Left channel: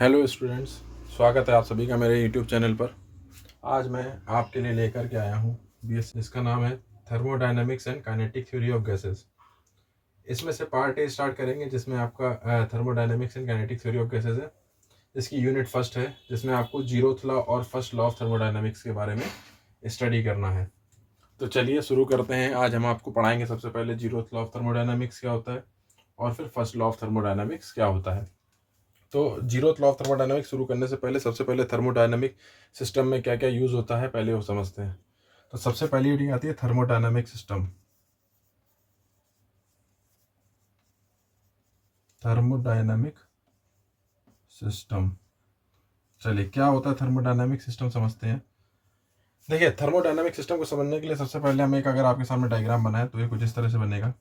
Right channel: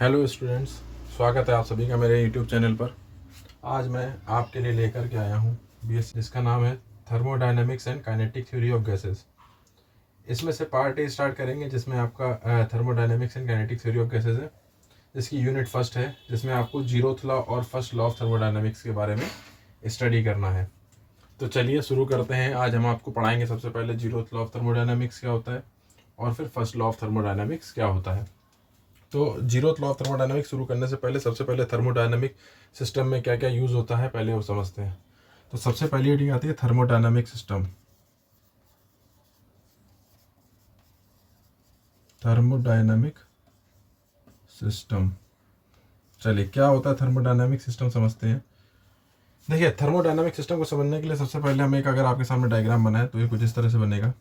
Hello students, स्वागत है आप सभी का मेरे यूट्यूब चैनल पर। आज मैं आपके लिए लेकर के आया हूँ बीएस, जिसका नाम है thermodynamics and kinetic theory of gases. इसमें से पार्ट ए स्टार्ट करेंगे, जिसमें आपका thermodynamics and kinetic theory of gases है, जिसकी यूनिट फर्स्ट है, जिसमें आपको जीरोथ लॉ और फर्स्ट लॉ ऑफ थर्मोडायनेमिक्स के बारे में स्टडी करना है। तो चलिए शुरू करते हैं। आज हम आपको पढ़ाएंगे सबसे पहले जीरोथ लॉ ऑफ थर्मोडायनेमिक्स क्या होता है और फिर फर्स्ट लॉ ऑफ थर्मोडायनेमिक्स क्या होता है। तो जीरोथ लॉ ऑफ थर्मोडायनामिक्स शुरू करने से पहले सबसे पहले थर्मोडायनामिक सिस्टम में क्या क्या यूज़ होता है पहले वो समझते हैं। तो सबसे पहली हेडिंग आती है थर्मोडायनामिक सिस्टम। थर्मोडायनामिक सिस्टम, चलिए क्या होता है थर्मोडायनामिक सिस्टम समझते हैं। देखिए, थर्मोडायनामिक सिस्टम को समझने के लिए सबसे पहले हम अगर आपके सामने डायग्राम बनाए तो ये कुछ इस तरह से बनेगा।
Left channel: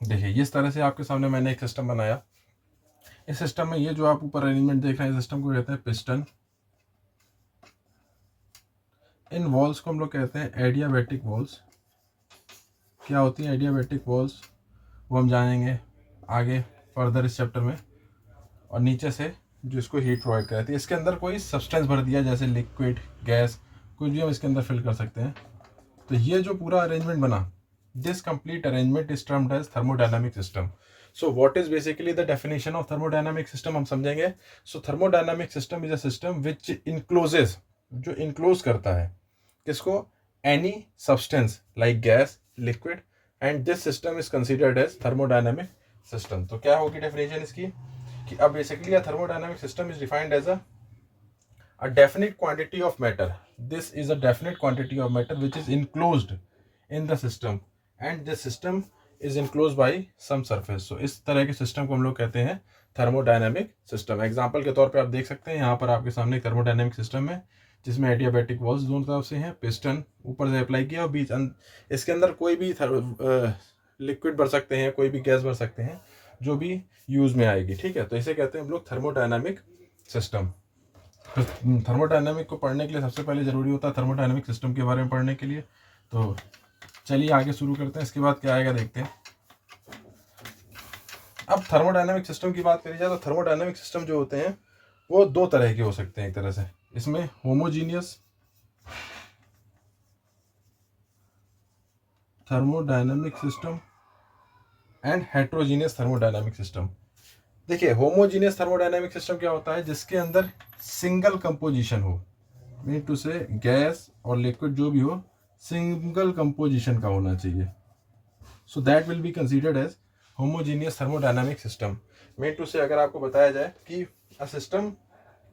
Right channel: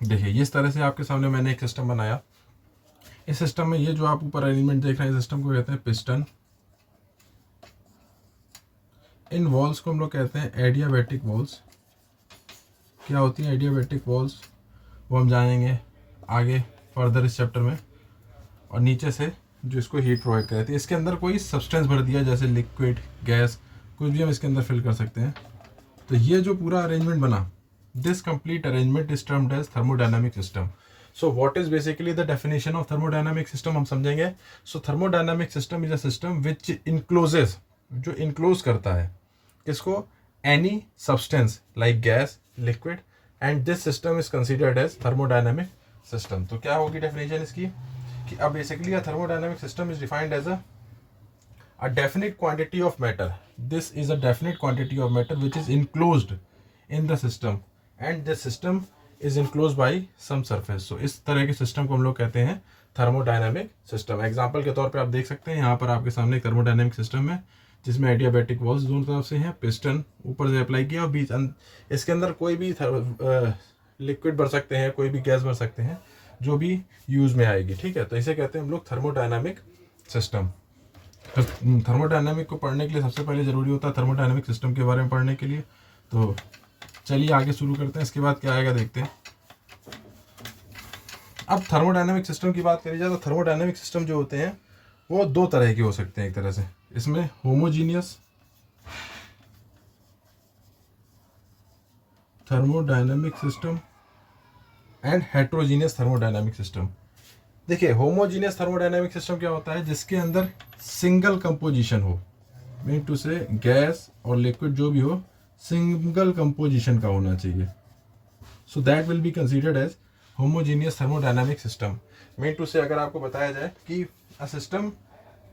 देखिए, इस तरह से आपके सामने मैंने एक सिस्टम बनाया। इस सिस्टम में ये जो आप ऊपर अरेंजमेंट देख रहे हैं, इस सिस्टम को कहते हैं पिस्टन। इन वॉल्स को हम लोग कहते हैं एडियाबैटिक वॉल्स। क्या होती हैं एडियाबैटिक वॉल्स, वो हम जानेंगे आगे फर्दर इस चैप्टर में। और नीचे से जो इसको हीट प्रोवाइड कराती है, इसके अंदर कोई सब्सटेंस भर दिया, जैसे लिक्विड, गैस, कुछ भी हम इसके अंदर फिल कर सकते हैं। तो ये जो पूरा अरेंजमेंट बना, this complete arrangement is termed as thermodynamic system. So what is basically the definition of thermodynamic system हम समझेंगे। So thermodynamic system is a system which encloses, जो इनक्लोज करता है किसको, any substance like gas, liquid, and this system is considered as thermodynamic system. तो क्या होगी definition इसकी कि अब basically a thermodynamic system is defined as a definite quantity of matter. This is a definite quantity of matter which is enclosed in the system, and this system is enclosed by some surface. So इस तरह के system को हम लोग कहते हैं thermodynamic system. Example के तौर पे आप देख सकते हैं यहाँ पर आपके सामने एक थर्मोडायनामिक सिस्टम है, जिसमें एडियाबैटिक वॉल्स दोनों तरफ से हैं, पिस्टन ऊपर से अप्लाई किया और बीच इसके अंदर कोई भी लिक्विड भर सकते हैं, कोई भी गैस भर सकते हैं, जो भी यूज में आएगी। ठीक है, तो इसे कहते हैं हम लोग थर्मोडायनामिक सिस्टम। थर्मोडायनामिक को पढ़ने के लिए सबसे पहले ज़रूरी होता है थर्मोडायनामिक सिस्टम के बारे में पढ़ने के लिए। तो चलिए आगे शुरू करते हैं, इसके बाद क्या आएगा देखते हैं। अब थर्मोडायनामिक सिस्टम की बात करी जाए तो थर्मोडायनामिक सिस्टम जो होते हैं वो दो तरह के हो सकते हैं। एक तरह से इसमें homogeneous thermodynamic system and heterogeneous thermodynamic system. देखिए, होमोजीनियस थर्मोडायनामिक सिस्टम क्या होता है, जिसके अंदर सिंगल कंपोजिशन हो, मीन टू से गैस और लिक्विड जो भी हो सिंगल कंपोजिशन का होना चाहिए। So that will be considered as homogeneous thermodynamic system. Mean to say अगर आपको बताया जाए कि अ सिस्टम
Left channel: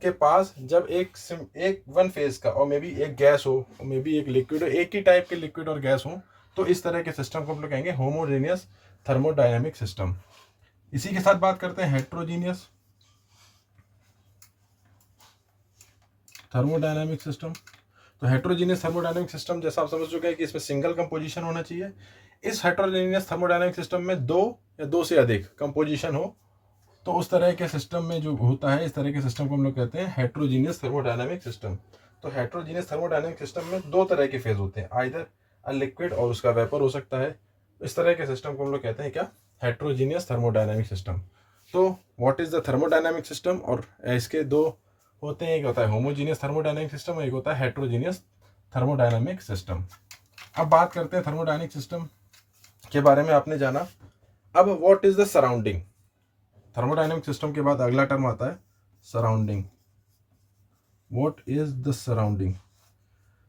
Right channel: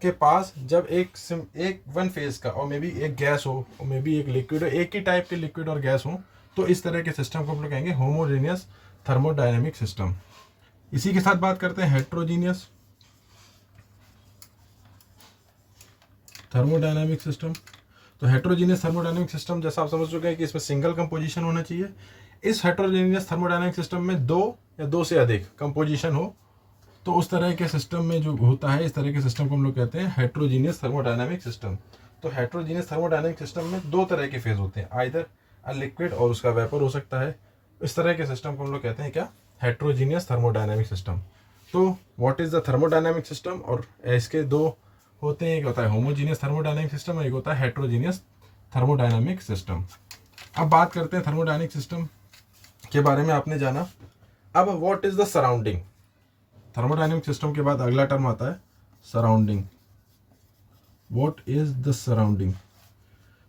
के पास जब एक वन फेज का और मे बी एक गैस हो और मे बी एक लिक्विड हो, एक ही टाइप के लिक्विड और गैस हो, तो इस तरह के सिस्टम को हम लोग कहेंगे होमोजीनियस थर्मोडायनामिक सिस्टम। इसी के साथ बात करते हैं हेट्रोजीनियस थर्मोडायनामिक सिस्टम। तो हेट्रोजीनियस थर्मोडायनामिक सिस्टम जैसा आप समझ चुके हैं कि इसमें सिंगल कंपोजिशन होना चाहिए। इस हेट्रोजीनियस थर्मोडायनामिक सिस्टम में दो या दो से अधिक कंपोजिशन हो, तो उस तरह के सिस्टम में जो होता है, इस तरह के सिस्टम को हम लोग कहते हैं हेट्रोजीनियस थर्मोडायनामिक सिस्टम। तो हेट्रोजीनियस थर्मोडायनामिक सिस्टम में दो तरह के फेज होते हैं, आइदर अ लिक्विड और उसका वेपर हो सकता है। इस तरह के सिस्टम को हम लोग कहते हैं क्या, हेट्रोजीनियस थर्मोडायनामिक सिस्टम। तो what is the thermodynamic system, और इसके दो होते हैं, एक होता है होमोजीनियस थर्मोडायनामिक सिस्टम और एक होता है हेट्रोजीनियस थर्मोडायनामिक सिस्टम। अब बात करते हैं थर्मोडायनामिक सिस्टम के बारे में आपने जाना। अब what is the surrounding. Thermodynamic system के बाद अगला टर्म आता है surrounding. What is the surrounding.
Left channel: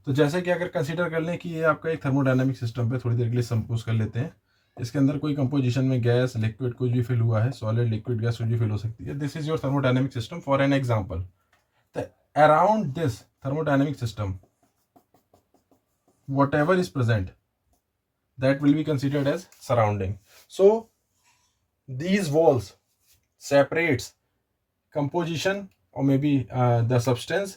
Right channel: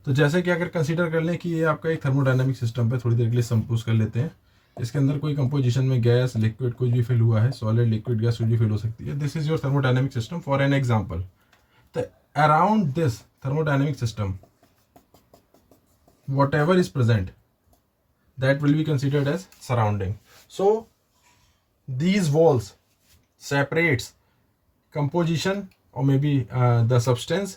तो जैसे कि अगर कंसीडर कर लें कि ये आपका एक थर्मोडायनामिक सिस्टम पे थोड़ी देर के लिए संपोज कर लेते हैं, इसके अंदर कोई कंपोजिशन में गैस, लिक्विड कुछ भी फिल हुआ है, सॉलिड, लिक्विड, गैस कुछ भी फिल हो सकती है। This is your thermodynamic system for an example. तो around this thermodynamic system whatever is present, that will be considered as surrounding. So these walls separates composition or maybe the substance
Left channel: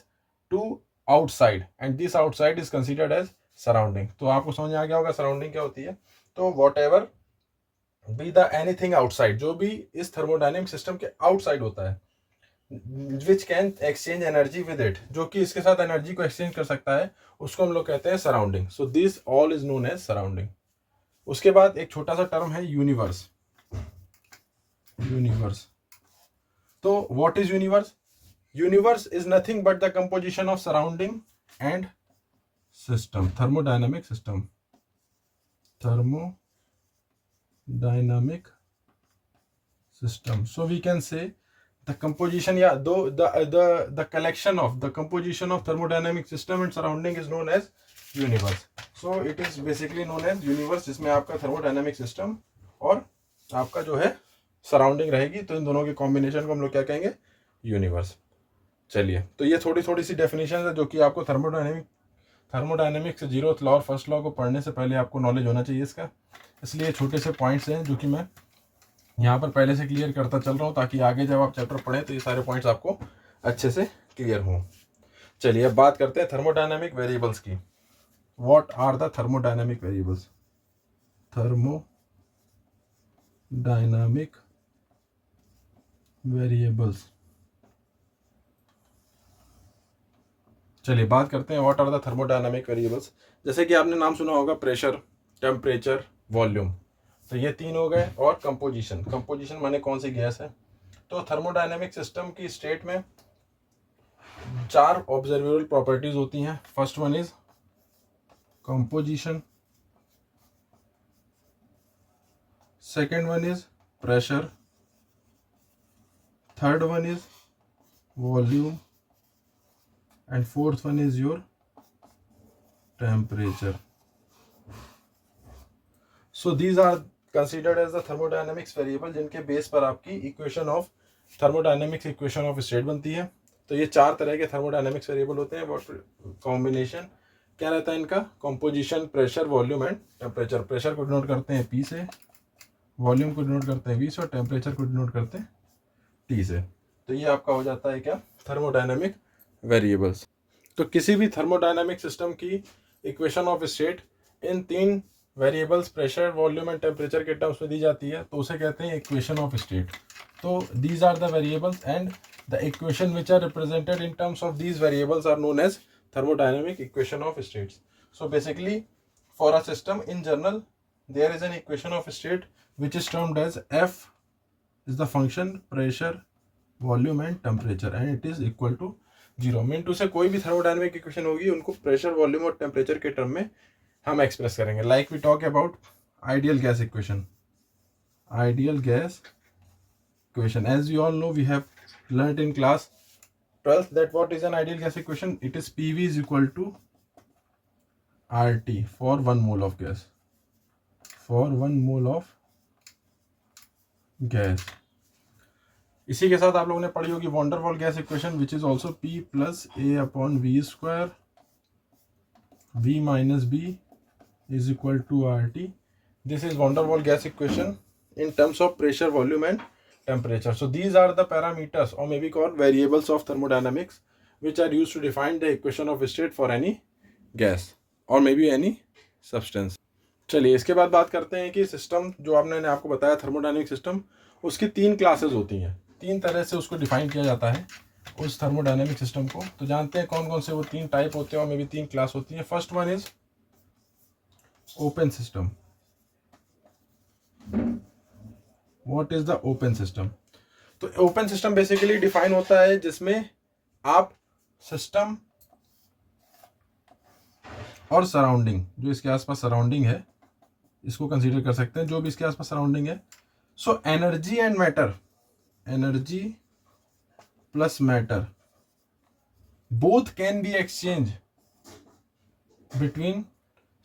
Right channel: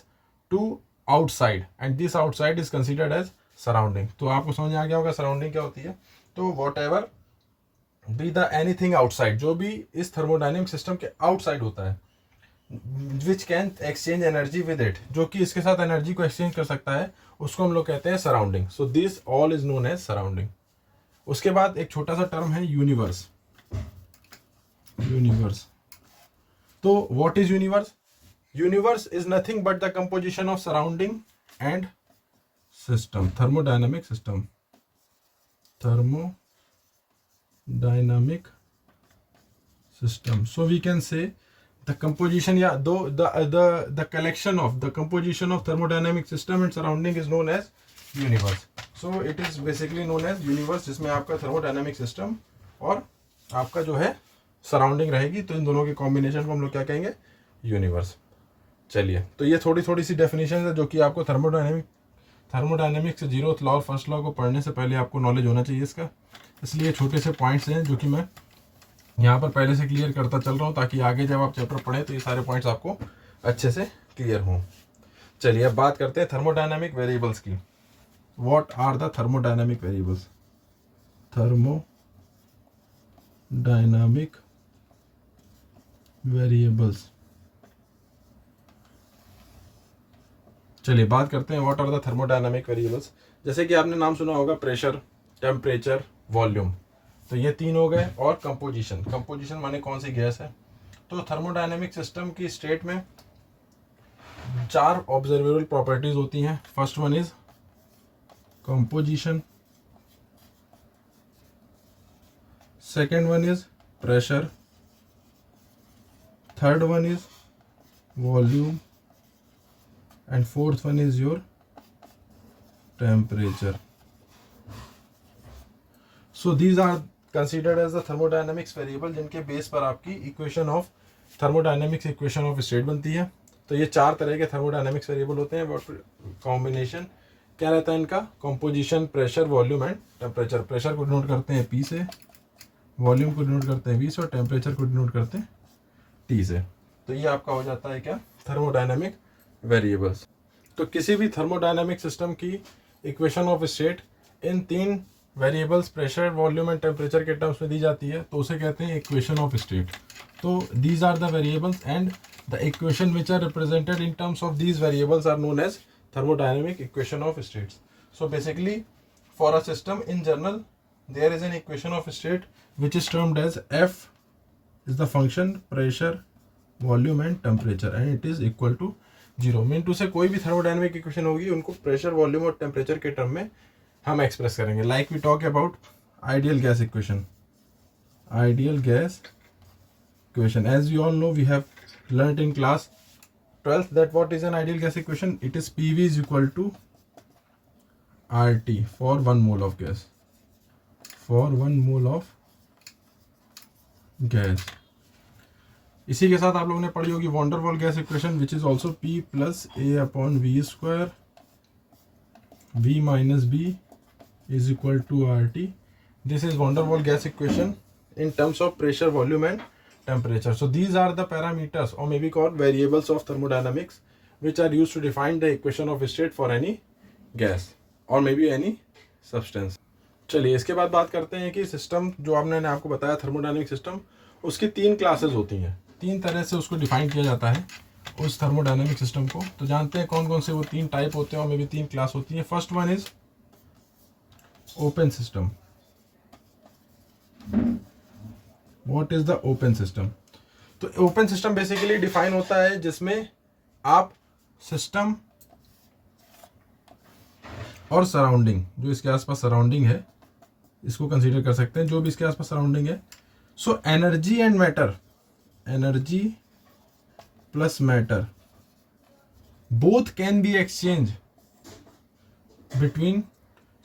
to outside, and this outside is considered as surrounding. तो आपको समझ आ गया होगा surrounding क्या होती है। तो whatever be the anything outside, जो भी इस थर्मोडायनेमिक सिस्टम के आउटसाइड होता है, which can exchange energy with it, जो कि इसके साथ एनर्जी को एक्सचेंज कर सकता है, उसको हम लोग कहते हैं surrounding. So this all is known as surrounding. उसके बाद एक छोटा सा टर्म है यूनिवर्स. यूनिवर्स, तो what is universe? Universe is nothing but the composition of surrounding and system, thermodynamic system, thermodynamic system. So we can say the composition, yeah, though the collection of the composition of thermodynamic system and surrounding is known as universe. So it is basically known as universe, जिसमें आपका thermodynamic system और आपका जो है surrounding रहेगी, तो इन दोनों के कॉम्बिनेशन को हम लोग क्या कहेंगे? यूनिवर्स. चलिए, तो ये थोड़ी थोड़ी सी डेफिनेशन है जो कि आपको थर्मोडायनेमिक्स से जीरोथ लॉ और फर्स्ट लॉ को पढ़ने से पहले आपको नॉलेज होना चाहिए इसका. इसलिए छोटे से पॉइंट्स हैं जो कि मैं यहाँ पर पहले से क्लियर करता चल रहा हूँ, ताकि आगे जब आप चैप्टर पढ़ें तो ये सारे पॉइंट्स आपको अच्छे से क्लियर हों. चलिए, अब बात करते हैं थर्मोडायनेमिक वेरिएबल्स की. What are the thermodynamic variables? Thermodynamic variables. चलिए बात करते हैं what are the thermodynamic variables. जैसे कि आपने नाम सुना होगा प्रेशर, टेम्परेचर, वॉल्यूम. तो ये तीन हो गए. और कंपोजिशन. कंपोजिशन माने कौन सी गैस है. तो थर्मोडायनामिक सिस्टम की स्टेट में 4 ऑब्जर्वेबल प्रॉपर्टीज होती हैं. First one is composition, second one is pressure, third one is volume, and fourth one is your temperature. So these are considered as the thermodynamics variable, जिनके base पर आपकी equation of thermodynamics equation of state बनती है. तो ये 4 तरह के thermodynamics variable होते हैं. कॉम्बिनेशन क्या रहता है इनका? Composition, pressure, volume and temperature. Pressure को डिनोट करते हैं P से, वॉल्यूम को डिनोट करते हैं V से, और टेम्परेचर को डिनोट करते हैं T से. तो ये आपका हो जाता है क्या? Thermodynamic variables. तो किसी भी थर्मोडायनेमिक सिस्टम की equation of state in 3 variables pressure, volume and temperature के टर्म्स में दी जाती है, तो उसे कहते हैं इक्वेशन ऑफ स्टेट. तो these are the variables and the equation which are represented in terms of these variables are known as thermodynamic equation of states. So basically for a system in general there is an equation of state which is termed as F is the function pressure, volume and temperature, and it is equal to 0. Mean to say कोई भी थर्मोडायनेमिक इक्वेशन होगी उनको pressure, volume और temperature के term में हम एक्सप्रेस करेंगे. Like we talk about ideal gas equation. Ideal gas equation, as we all know, we have learned in class 12th that what is an ideal gas equation? It is PV is equal to RT for 1 mole of gas. For 1 mole of gas. इसी के साथ आप लोगों ने पढ़ी होगी van der Waals gas equation, which is also P plus A upon V square, V minus B is equal to RT. This is van der Waals gas equation in terms of pressure, volume and temperature. So these are the parameters or maybe called variables of thermodynamics which are used to define the equation of state for any gas or maybe any substance. चलिए इसके बाद बात करते हैं कि system जो आपने आपको बताया थर्मोडायनेमिक सिस्टम, उसकी 3 क्लासेस होती हैं. 3 तरह से उसको डिफाइन किया जाता है उस थर्मोडायनेमिक सिस्टम को. तो जानते हैं कौन कौन से वो 3 टाइप होते हैं और मे बी 3 क्लास होती हैं. First one is open system. What is the open system? तो ओपन सिस्टम बेसिकली डिफाइन होता है जिसमें आप सिस्टम और सराउंडिंग, जो इसके आसपास सराउंडिंग है, इसको कंसीडर कर सकते हैं, जो भी इसके आसपास सराउंडिंग है. So energy and matter, energy plus matter, both can be exchange between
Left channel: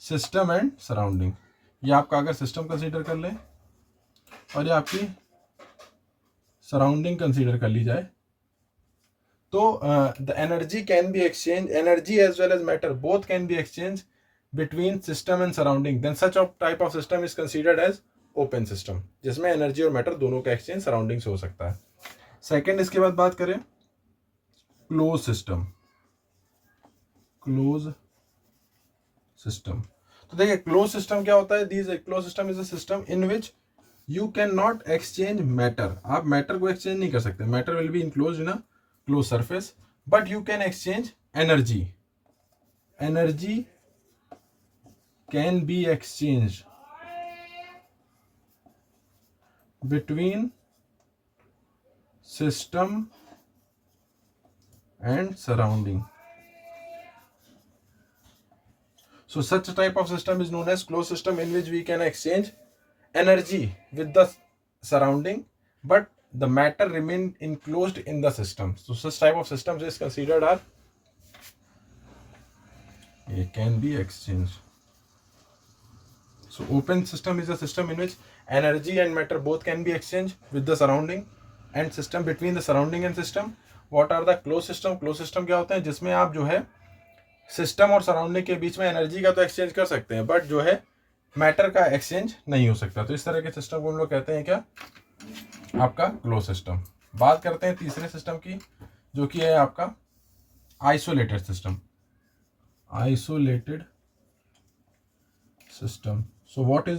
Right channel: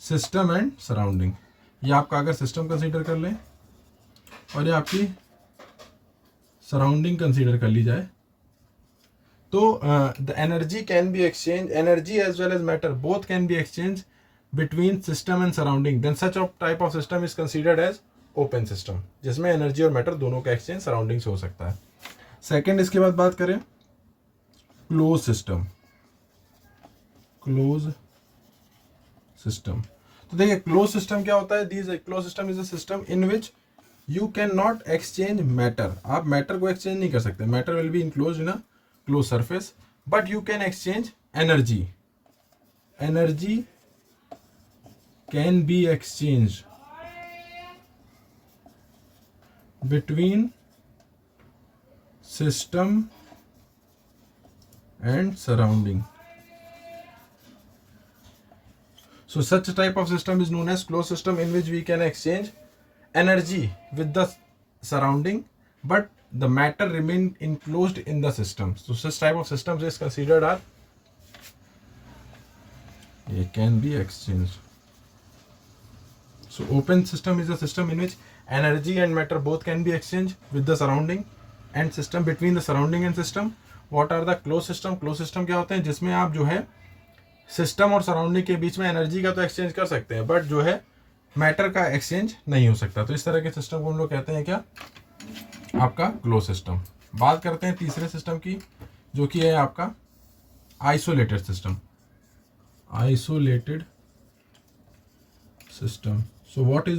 system and surrounding. ये आपका अगर सिस्टम कंसीडर कर लें और ये आपकी सराउंडिंग कंसीडर कर ली जाए, तो the energy can be exchange, energy as well as matter both can be exchange between system and surrounding. Then such of type of system is considered as open system, जिसमें energy और matter दोनों का exchange surrounding से हो सकता है. Second, इसके बाद बात करें क्लोज सिस्टम. क्लोज सिस्टम, तो देखिए क्लोज सिस्टम क्या होता है. This close system is a system in which you can not exchange matter, आप मैटर को एक्सचेंज नहीं कर सकते, matter will be enclose in a close surface, but you can exchange energy, energy can be exchange between system and surrounding. So such a type of system is known as closed system, in which we can exchange energy with the surrounding, but the matter remain enclosed in the system. So such type of systems is considered are, it can be exchanged. So open system is a system in which energy and matter both can be exchanged with the surrounding and system, between the surrounding and system. What are the closed system? Closed system क्या होते हैं, जिसमें आप जो है system और surrounding के बीच में एनर्जी का तो एक्सचेंज कर सकते हैं, बट जो है मैटर का एक्सचेंज नहीं हो सकता। तो इस तरह के सिस्टम को हम लोग कहते हैं क्या, आपका क्लोज सिस्टम। बात करते हैं तीसरे सिस्टम की, जो कि है आपका isolated system. Isolated system. So what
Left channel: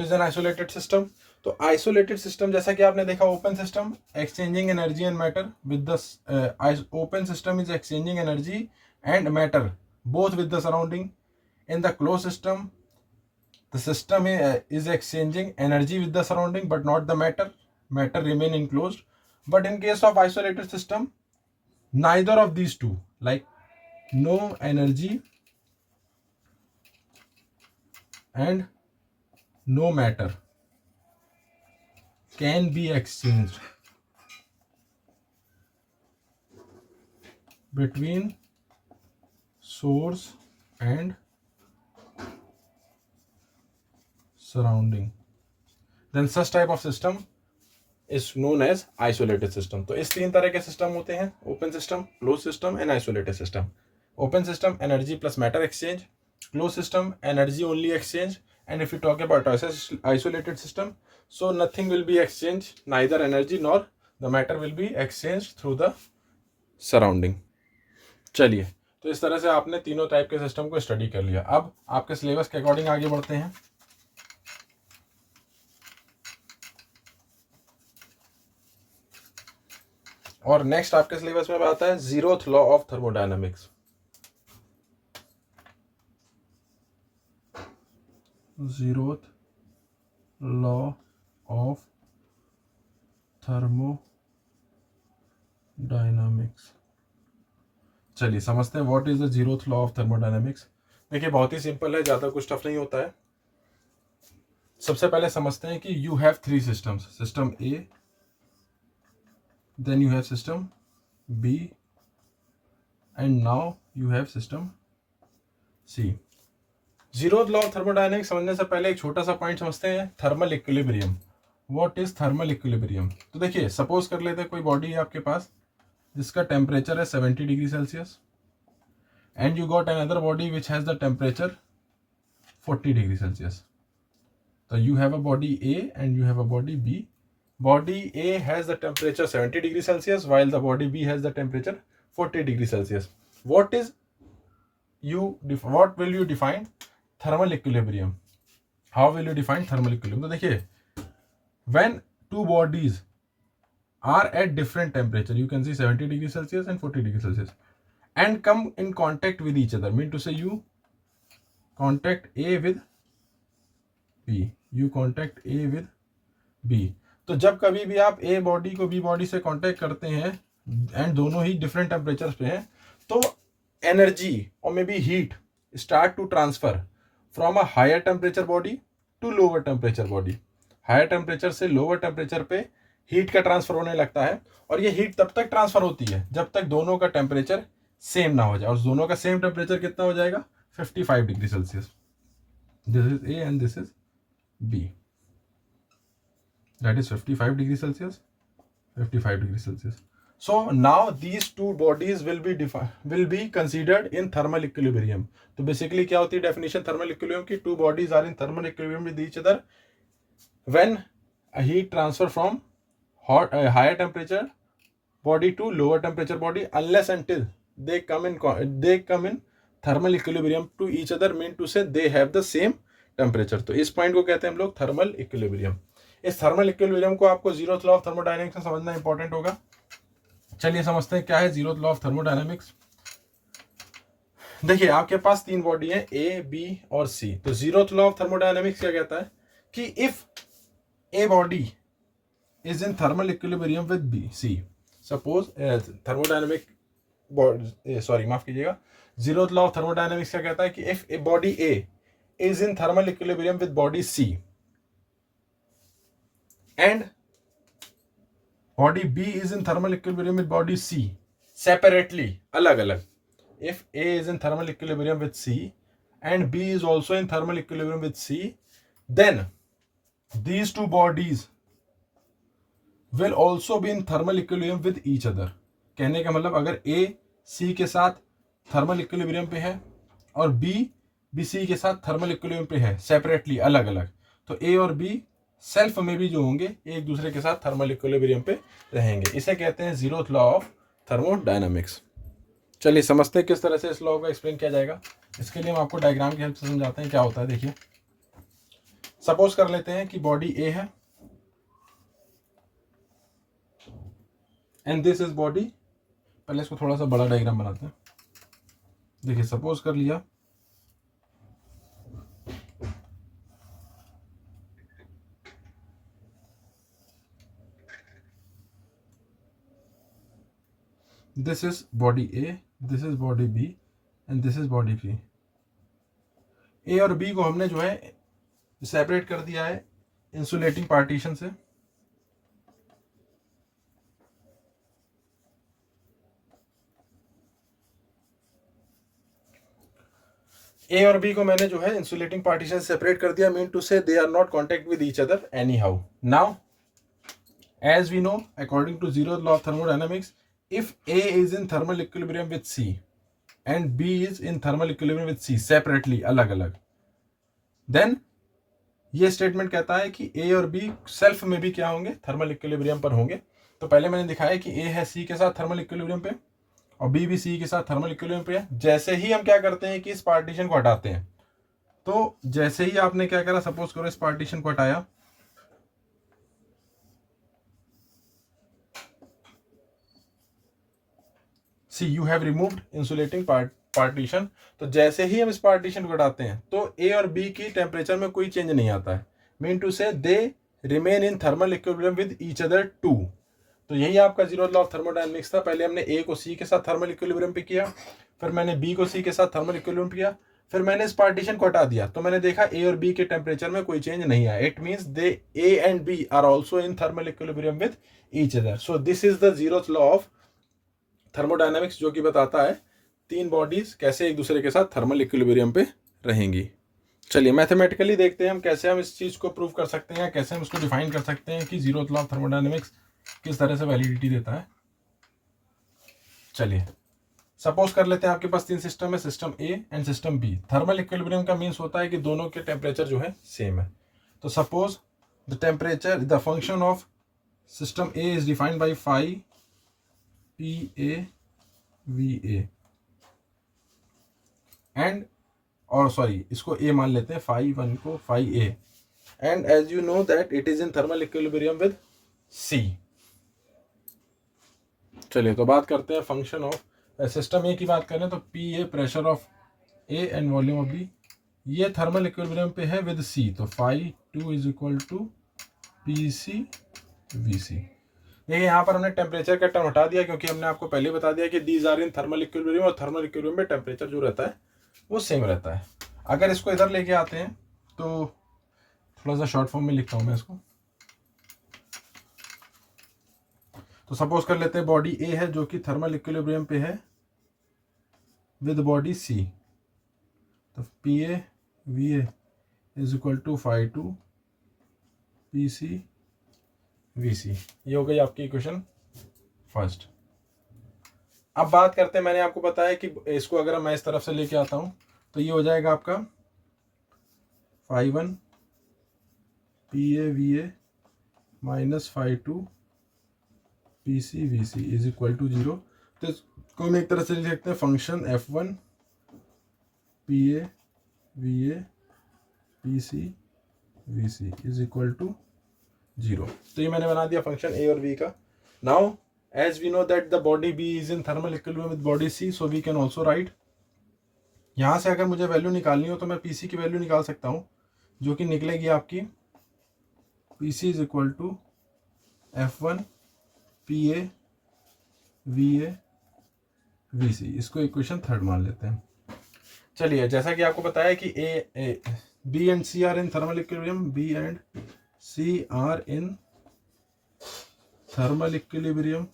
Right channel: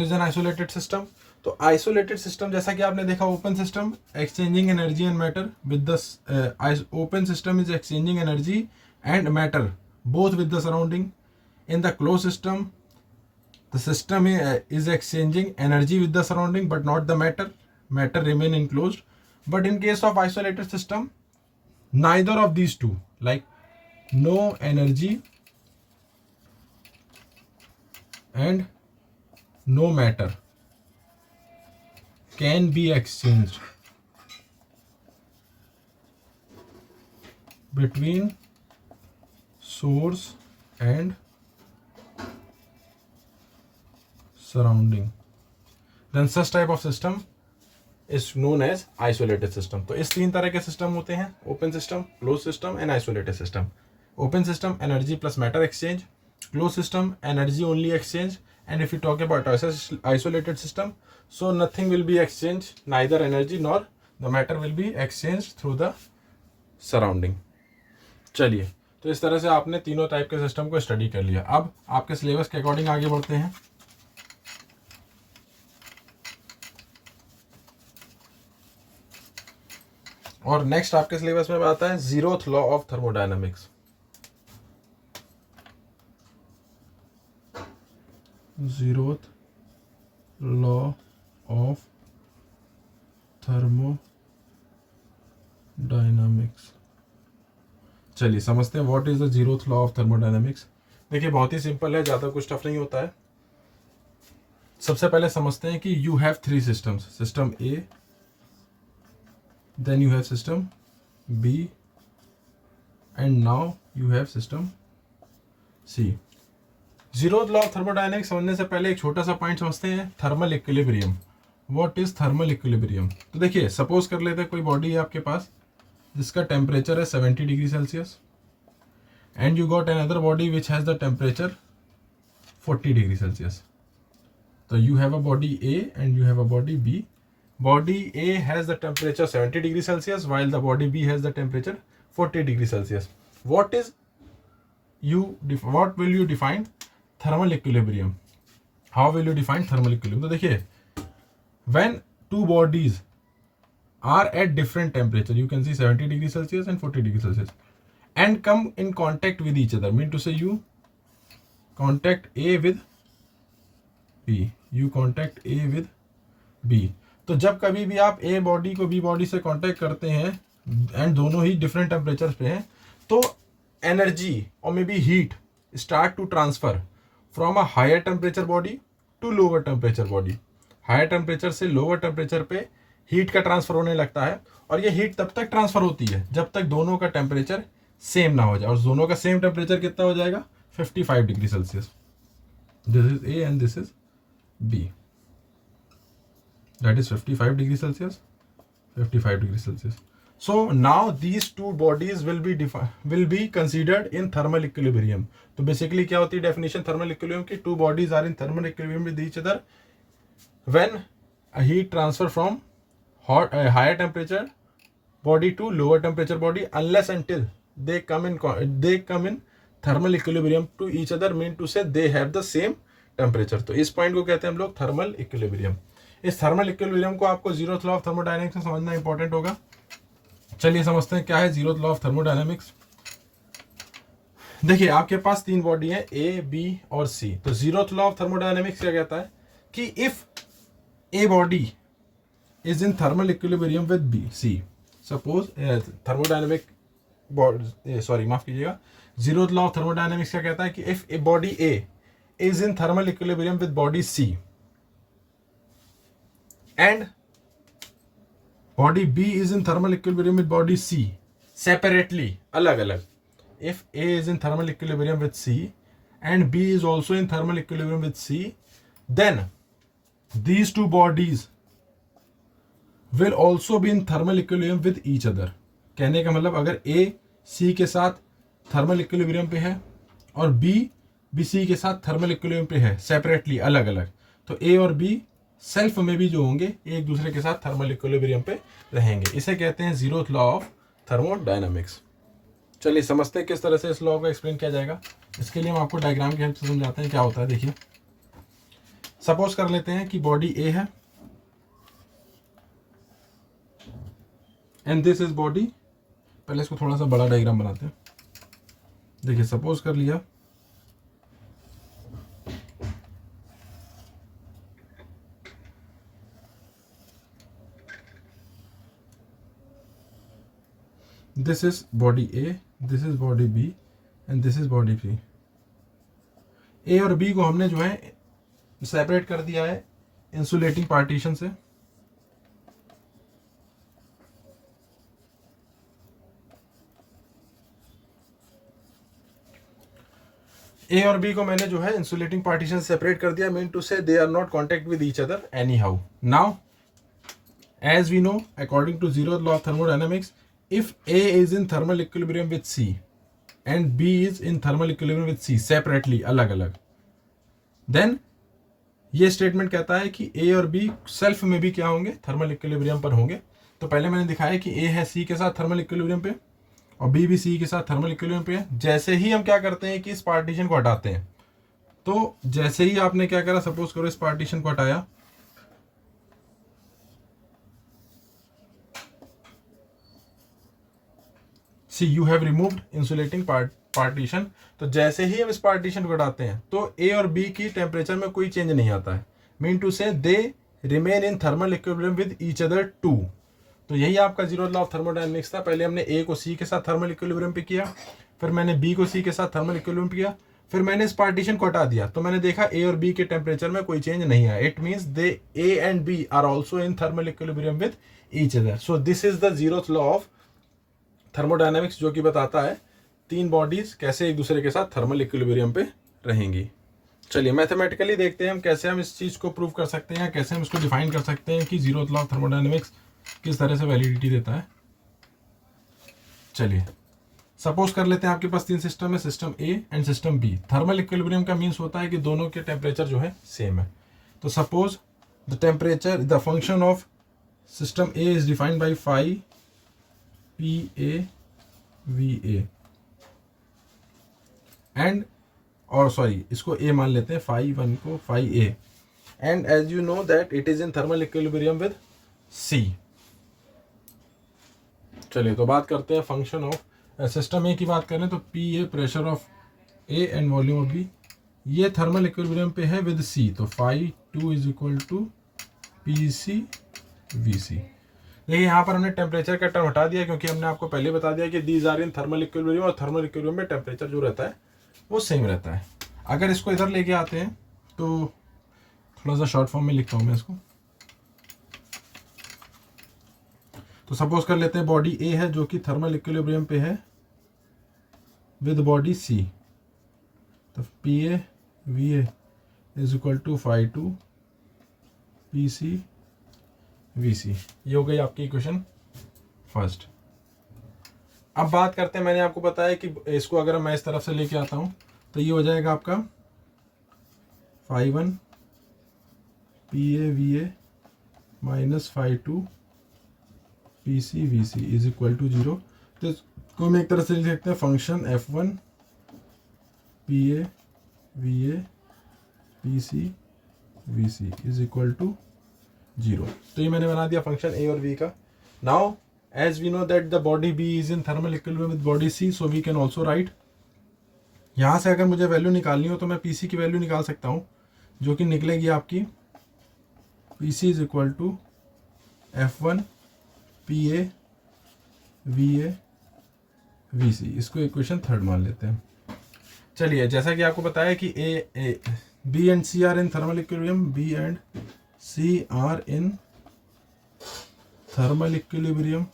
is an isolated system? तो आइसोलेटेड सिस्टम, जैसा कि आपने देखा open system exchanging energy and matter with the open system is exchanging energy and matter both with the surrounding. In the close system the system is exchanging energy with the surrounding but not the matter remain enclosed. But in case of isolated system, neither of these two, like no energy and no matter can be exchanged between source and surrounding, then such type of system is known as isolated system. तो इस तीन तरह के system होते हैं, open system, close system and isolated system. Open system energy plus matter exchange, close system energy only exchange, and if you talk about isolated system, so nothing will be exchanged, neither energy nor the matter will be exchanged through the surrounding. चलिए, तो इस तरह से आपने तीनों type के system को study कर लिया। अब आपके सिलेबस के अकॉर्डिंग आगे बढ़ते हैं। और नेक्स्ट आपके सिलेबस में आता है zeroth law of thermodynamics. Zeroth law of thermodynamics. चलिए समझते हैं what is the zeroth law of thermodynamics. देखिए बहुत ही सिंपल है, ज़्यादा कुछ टफ नहीं होता है। सबसे पहले समझते हैं कि you have three systems, system A, then you have system B, and now you have system C. Zeroth law of thermodynamics समझने से पहले एक छोटा सा पॉइंट समझते हैं, thermal equilibrium. What is thermal equilibrium? तो देखिए सपोज कर लेते हैं कोई बॉडी है आपके पास जिसका टेम्परेचर है 70 degree Celsius, and you got another body which has the temperature 40 degree Celsius. तो you have a body A and you have a body B. Body A has the temperature 70 degree Celsius while the body B has the temperature 40 degree Celsius. What will you define thermal equilibrium? How will you define thermal equilibrium? तो देखिए, when two bodies are at different temperature, you can see 70 degree Celsius and 40 degree Celsius, and come in contact with each other, mean to say you contact A with B, you contact A with B. तो जब कभी भी आप a body को B body से contact करते हैं and दोनों ही डिफरेंट टेम्परेचर पे हैं, तो एनर्जी और may be heat start to transfer from a higher temperature body to lower temperature body. Higher temperature से लोअर टेम्परेचर पे हीट का ट्रांसफर होने लगता है, और ये हीट तब तक ट्रांसफर होती है जब तक दोनों का टेम्परेचर सेम ना हो जाए, और दोनों का सेम टेम्परेचर कितना हो जाएगा, 55 degree Celsius. This is A and this is B, that is 55 degree Celsius, 55 degree Celsius. So now these two bodies will be considered in thermal equilibrium. तो basically क्या होती है definition thermal equilibrium की? Two bodies are in thermal equilibrium with each other when a heat transfer from higher temperature body to lower temperature body, unless until they come in thermal equilibrium to each other, mean to say they have the same temperature. तो इस point को कहते हैं हम लोग thermal equilibrium. इस thermal equilibrium को आपको जीरोथ लॉ ऑफ थर्मोडायनेमिक्स में समझना इंपॉर्टेंट होगा। चलिए समझते हैं क्या है जीरोथ लॉ ऑफ थर्मोडायनेमिक्स। देखिए आपके पास तीन बॉडी है ए, बी और सी। तो जीरोथ लॉ ऑफ थर्मोडायनेमिक्स क्या कहता है कि if a body is in thermal equilibrium with B C, suppose thermodynamic sorry माफ कीजिएगा, जीरोथ लॉ ऑफ थर्मोडायनेमिक्स क्या कहता है कि if a body A is in thermal equilibrium with body C and body B is in thermal equilibrium with body C separately, अलग अलग, if A is in thermal equilibrium with C and B is also in thermal equilibrium with C, then these two bodies will also be in thermal equilibrium with each other। कहने का मतलब अगर A C के साथ thermal equilibrium पे है और B भी C के साथ थर्मल इक्विलिब्रियम पे है सेपरेटली, अलग अलग, तो A और B सेल्फ में भी जो होंगे एक दूसरे के साथ थर्मल इक्विलिब्रियम पे रहेंगे। इसे कहते हैं जीरोथ लॉ ऑफ थर्मोडायनामिक्स। चलिए समझते हैं किस तरह से इस लॉ को एक्सप्लेन किया जाएगा। इसके लिए हम आपको डायग्राम की हेल्प से समझाते हैं क्या होता है। देखिए सपोज कर लेते हैं कि बॉडी ए है एंड दिस इज बॉडी, पहले इसको थोड़ा सा बड़ा डायग्राम बनाते हैं। देखिए सपोज कर लिया this is body A, this is body B and this is body C. A और बी को हमने जो है सेपरेट कर दिया है इंसुलेटिंग पार्टीशन से। ए और बी को मैंने जो है इंसुलेटिंग पार्टीशन सेपरेट कर दिया, mean to say they are not contact with each other anyhow. Now as we know according to zeroth law of thermodynamics, if A is in thermal equilibrium with C and B is in thermal equilibrium with C separately, अलग अलग, then ये statement कहता है कि A और B self में भी क्या होंगे, थर्मल इक्विलिब्रियम पर होंगे। तो पहले मैंने दिखाया कि A है C के साथ थर्मल इक्विलिब्रियम पे और B भी C के साथ थर्मल इक्विलिब्रियम पे है। जैसे ही हम क्या करते हैं कि इस पार्टीशन को हटाते हैं, तो जैसे ही आपने क्या करा, सपोज करो इस पार्टीशन को हटाया, see you have removed insulating partition. तो जैसे ही हम इस पार्टीशन को हटाते हैं तो ए और बी की टेम्परेचर में कोई चेंज नहीं आता है, mean to say they remain in thermal equilibrium with each other too. तो यही आपका जीरोथ लॉ ऑफ थर्मोडायनेमिक्स था। पहले हमने ए को सी के साथ थर्मल इक्विलिब्रियम पे किया, फिर मैंने बी को सी के साथ थर्मल इक्विलिब्रियम पे किया, फिर मैंने इस पार्टीशन को हटा दिया, तो मैंने देखा ए और बी के टेम्परेचर में कोई चेंज नहीं आया। It means they A and B are also in thermal equilibrium with each other. So this is the zeroth law of thermodynamics, जो कि बताता है तीन बॉडीज कैसे एक दूसरे के साथ थर्मल इक्विलिब्रियम पे रहेंगी। चलिए मैथमेटिकली देखते हैं हम कैसे हम इस चीज को प्रूव कर सकते हैं या कैसे हम इसको डिफाइन कर सकते हैं कि जीरोथ लॉ ऑफ थर्मोडायनामिक्स किस तरह से वैलिडिटी देता है। चलिए सपोज कर लेते हैं आपके पास तीन सिस्टम है, system A and system B. Thermal equilibrium का मीन्स होता है कि दोनों के टेम्परेचर जो है सेम है। तो suppose the temperature, the function of system A is defined by phi PA VA and, और सॉरी इसको A मान लेते हैं, फाई वन को phi A, and as you know that it is in thermal equilibrium with C। चलिए तो बात करते हैं फंक्शन ऑफ सिस्टम ए की बात करें तो PA pressure of A and volume of B, ये थर्मल इक्विलिब्रियम पे है विद C। तो phi 2 is equal to PC VC। देखिए यहाँ पर हमने टेम्परेचर का टर्म हटा दिया क्योंकि हमने आपको पहले बता दिया कि these are in thermal equilibrium, और थर्मल इक्विलिब्रियम में टेम्परेचर जो रहता है वो सेम रहता है। अगर इसको इधर लेके आते हैं तो थोड़ा सा शॉर्ट फॉर्म में लिखता हूँ मैं इसको। तो सपोज कर लेते हैं बॉडी ए है जो कि थर्मल इक्विलिब्रियम पे है विद बॉडी सी। तो PA VA is equal to phi 2 PC VC। ये हो गई आपकी इक्वेशन फर्स्ट। अब बात करते हैं, मैंने आपको बताया कि इसको अगर मैं इस तरफ से लेके आता हूँ तो ये हो जाएगा आपका phi 1 PA VA minus phi 2 PC VC is equal to 0। तो इसको हम एक तरह से लिख सकते हैं function F1 PA VA P C V C is equal to 0। तो ये मैंने बना दिया फंक्शन ए और बी का। Now as we know that the body B is in thermal equilibrium with body C, so we can also write, यहाँ से अगर मुझे वैल्यू निकालनी हो तो मैं पी सी की वैल्यू निकाल सकता हूँ, जो कि निकलेगी आपकी P C is equal to F1 P A V C. इसको इक्वेशन थर्ड मान लेते हैं। चलिए, जैसा कि आपको बताया कि A B and C are in thermal equilibrium, B and C are in thermal equilibrium,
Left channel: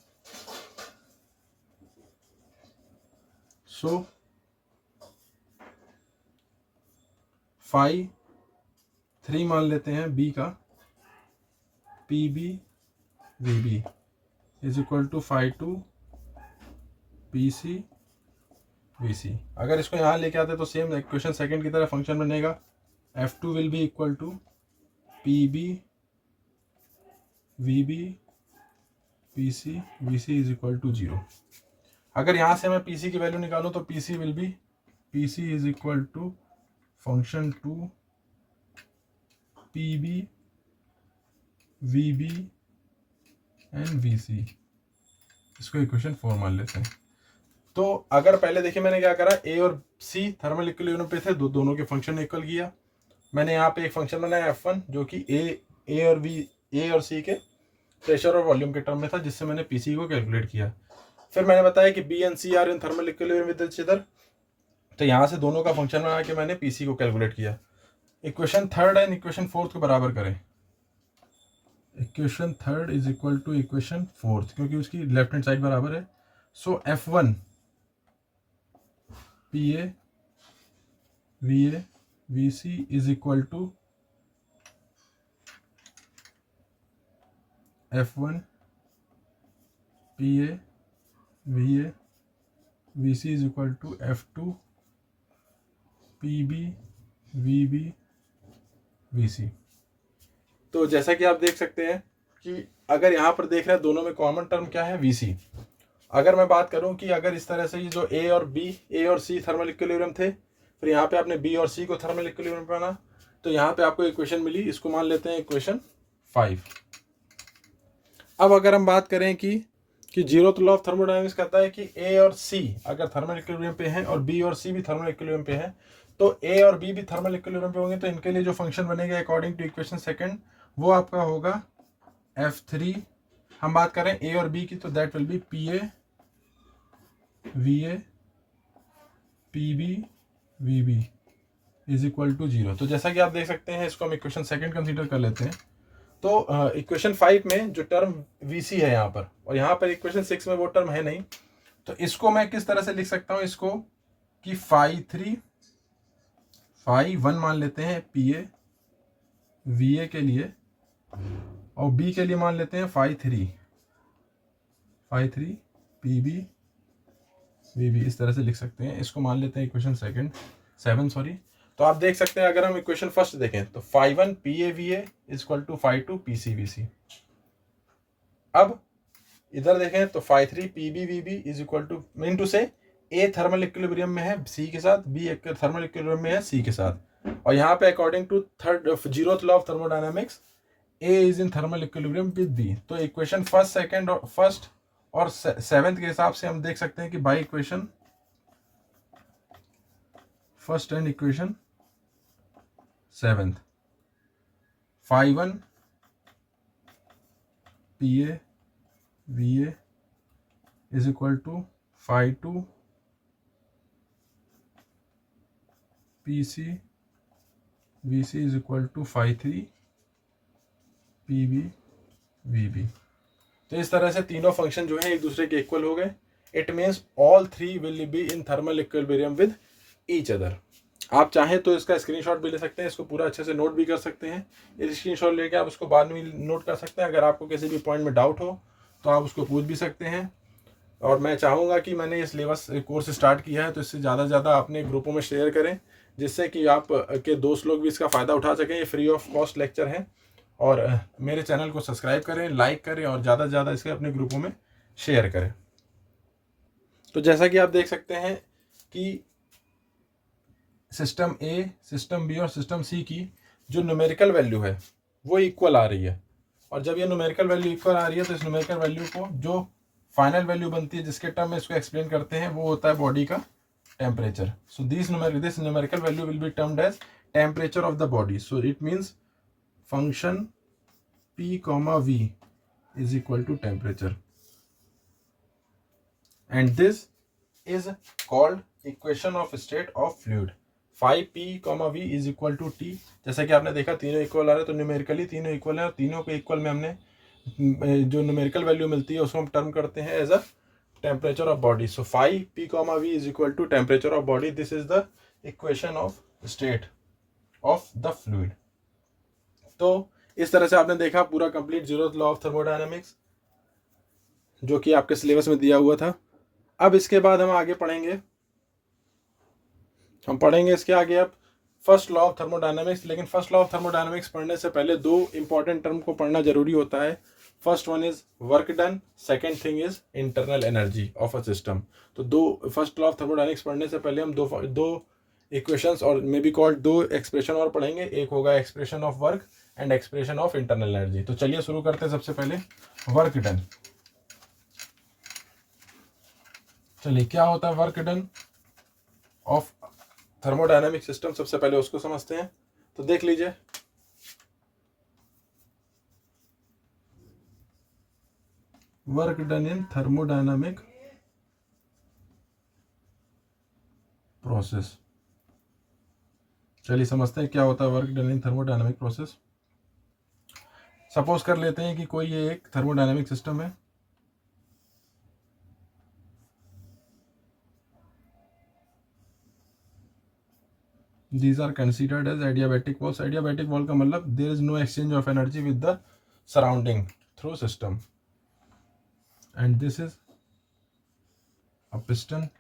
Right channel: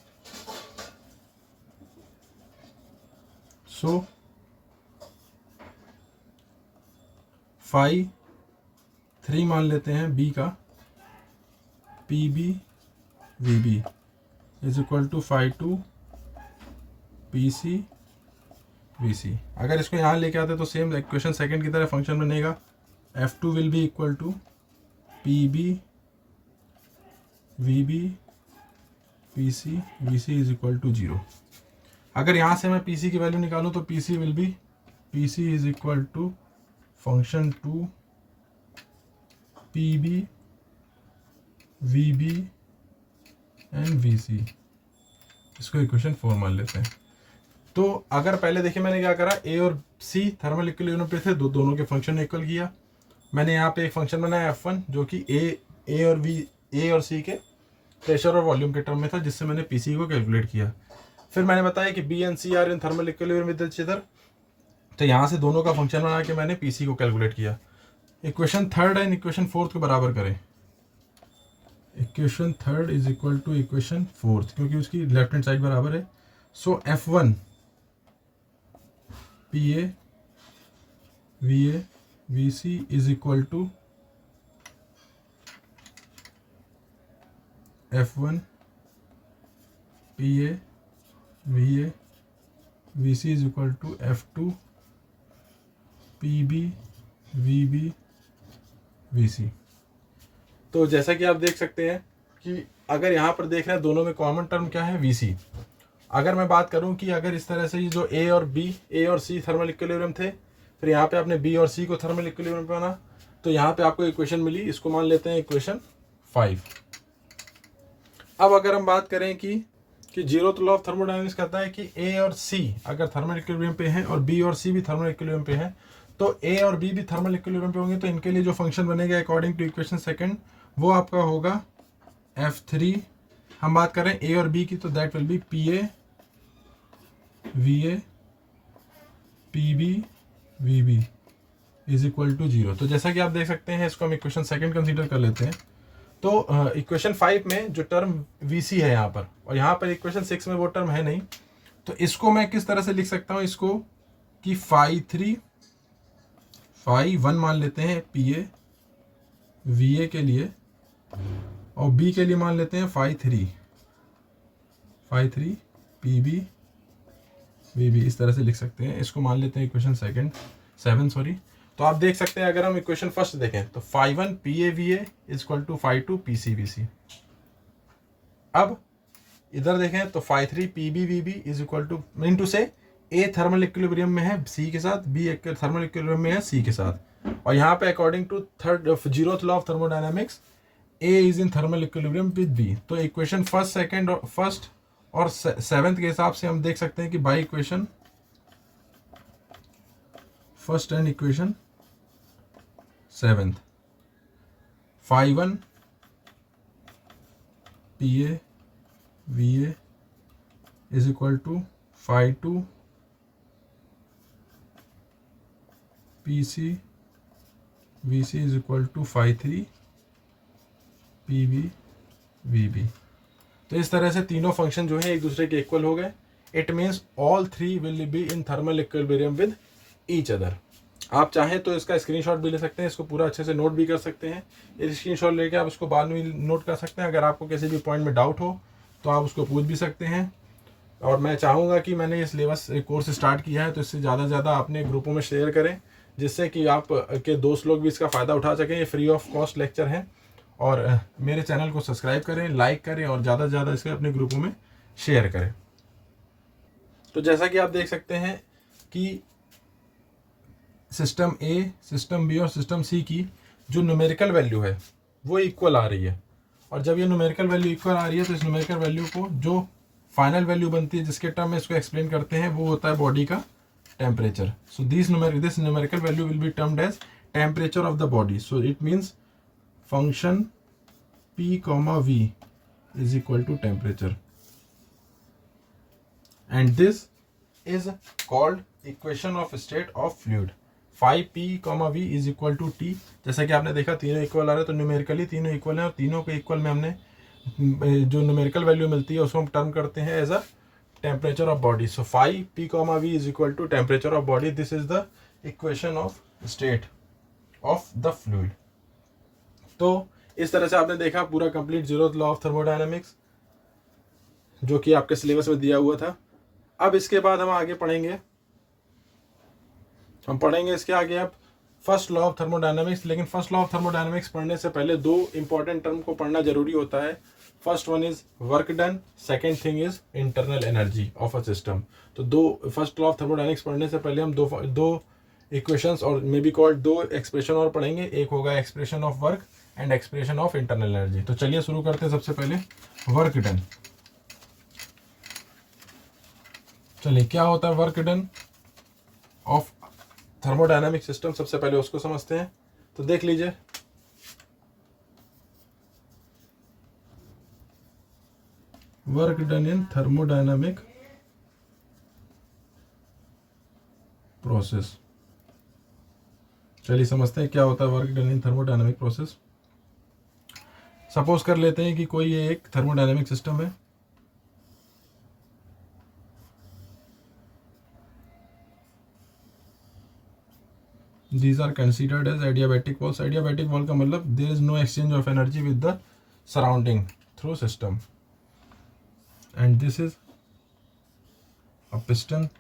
so phi 3 मान लेते हैं बी का, P B V B is equal to phi 2 P C V C. अगर इसको यहाँ लेके आते तो सेम इक्वेशन सेकंड की तरह फंक्शन बनेगा, F2 will be equal to P B V B P C V C is equal to 0। अगर यहाँ से मैं पी सी की वैल्यू निकालूँ तो P C will be P C is equal to function 2 P B V B and V C. इसको equation 4 मान लेते हैं। तो अगर पहले देखिए मैंने क्या करा, ए और सी थर्मल इक्विलिब्रियम पे थे, दोनों के फंक्शन इक्वल किया। मैंने यहाँ पे एक फंक्शन बनाया F1 जो कि ए और सी के प्रेशर और वॉल्यूम के टर्म में था, जिससे मैंने पीसी को कैलकुलेट किया। फिर मैंने बताया कि B and C are in thermal equilibrium with each other, तो यहाँ से दोनों का फंक्शन बना के मैंने पीसी को कैलकुलेट किया। Equation third and equation fourth को बराबर करें। Equation third is equal to equation fourth, क्योंकि उसकी लेफ्ट हैंड साइड बराबर है। So F1 P A V C is equal to F1 P A V C is equal to F2 P B V C. तो जैसा कि आप देख सकते हैं कि अगर यहाँ पर देख रहे हैं दोनों में कॉमन टर्म क्या है, वी सी। अगर मैं बात करूं कि अगर इस तरह से ये जो ए और सी थर्मल इक्विलिब्रियम थे, फिर यहाँ पे आपने बी और सी को थर्मल इक्विलिब्रियम माना, तो यहाँ पे आपको इक्वेशन मिली, इसको मान लेते हैं इक्वेशन 5। अब अगर हम बात करें कि जीरोथ लॉ ऑफ थर्मोडायनेमिक्स कहता है कि ए और सी अगर थर्मल इक्विलिब्रियम पे हैं और बी और सी भी थर्मल इक्विलिब्रियम पे हैं, तो ए और बी भी थर्मल इक्विलिब्रियम पे होंगे, तो इनके लिए जो फंक्शन बनेगा अकॉर्डिंग टू इक्वेशन सेकंड, वो आपका होगा F3। हम बात करें ए और बी की, तो that will be P A P B V is equal to 0। तो जैसा कि आप देख सकते हैं, इसको हम इक्वेशन सेकंड कंसीडर कर लेते हैं। तो इक्वेशन 5 में जो टर्म वी सी है यहाँ पर, और यहाँ पर इक्वेशन 6 में वो टर्म है नहीं, तो इसको मैं किस तरह से लिख सकता हूँ, इसको कि फाई 1 मान लेते हैं पी ए वी ए के लिए, और बी के लिए मान लेते हैं phi 3 P B V B. इस तरह से लिख सकते हैं। इसको मान लेते हैं इक्वेशन 7 सॉरी। तो आप देख सकते हैं, अगर हम इक्वेशन फर्स्ट देखें तो phi 1 P A V A is equal to phi 2 P C V C. अब इधर देखें तो phi 3 P B V B is equal to, mean to say a thermal equilibrium में है सी के साथ, बी थर्मल इक्विलिब्रियम में है सी के साथ, और यहाँ पे according to zeroth law of thermodynamics A is in thermal equilibrium with B. तो इक्वेशन फर्स्ट और सेवेंथ के हिसाब से हम देख सकते हैं कि by equation first and equation seventh, phi 1 P A V A is equal to phi 2 P C V C is equal to phi 3 P B V B. तो इस तरह से तीनों फंक्शन जो है एक दूसरे के इक्वल हो गए। It means all three will be in thermal equilibrium with each other. आप चाहें तो इसका स्क्रीनशॉट भी ले सकते हैं, इसको पूरा अच्छे से नोट भी कर सकते हैं। इस स्क्रीनशॉट लेके आप उसको बाद में नोट कर सकते हैं। अगर आपको किसी भी पॉइंट में डाउट हो तो आप उसको पूछ भी सकते हैं। और मैं चाहूँगा कि मैंने ये सिलेबस कोर्स स्टार्ट किया है, तो इससे ज़्यादा से ज़्यादा अपने ग्रुपों में शेयर करें, जिससे कि आप के दोस्त लोग भी इसका फ़ायदा उठा सकें। ये फ्री ऑफ कॉस्ट लेक्चर है। और मेरे चैनल को सब्सक्राइब करें, लाइक करें, और ज़्यादा से ज़्यादा इसके अपने ग्रुपों में शेयर करें। तो जैसा कि आप देख सकते हैं कि सिस्टम ए, सिस्टम बी और सिस्टम सी की जो न्यूमेरिकल वैल्यू है वो इक्वल आ रही है। और जब ये न्यूमेरिकल वैल्यू इक्वल आ रही है तो इस न्यूमेरिकल वैल्यू को जो फाइनल वैल्यू बनती है जिसके टर्म में इसको एक्सप्लेन करते हैं वो होता है बॉडी का temperature. So this numerical value will be termed as temperature of the body. So it means function P, V is equal to temperature, and this is called equation of state of fluid. phi P, V is equal to T। जैसा कि आपने देखा तीनों equal आ रहे हैं, तो numerically तीनों equal हैं और तीनों के इक्वल में हमने जो न्यूमेरिकल वैल्यू मिलती है उसको हम टर्म करते हैं as a temperature of body. So phi P, V is equal to temperature of body. This is the equation of state of the fluid. तो इस तरह से आपने देखा पूरा complete zeroth law of thermodynamics जो कि आपके सिलेबस में दिया हुआ था। अब इसके बाद हम आगे पढ़ेंगे, इसके आगे अब फर्स्ट लॉ ऑफ थर्मोडायनेमिक्स। लेकिन फर्स्ट लॉ ऑफ थर्मोडायनेमिक्स पढ़ने से पहले दो इंपॉर्टेंट टर्म को पढ़ना जरूरी होता है। First one is work done, second thing is internal energy of a system. तो दो फर्स्ट लॉ ऑफ थर्मोडायनेमिक्स पढ़ने से पहले हम दो इक्वेशंस और मे बी कॉल्ड दो एक्सप्रेशन और पढ़ेंगे। एक होगा expression of work and expression of internal energy. तो चलिए शुरू करते हैं सबसे पहले वर्क डन। चलिए क्या होता है work done of thermodynamic system, सबसे पहले उसको समझते हैं। तो देख लीजिए वर्क डन इन थर्मोडायनामिक प्रोसेस। चलिए समझते हैं क्या होता है वर्क डन इन थर्मोडायनामिक प्रोसेस। सपोज कर लेते हैं कि कोई ये एक थर्मोडायनामिक सिस्टम है। These are considered as adiabatic walls. Adiabatic wall का मतलब there is no exchange of energy with the surrounding through system, and this is a piston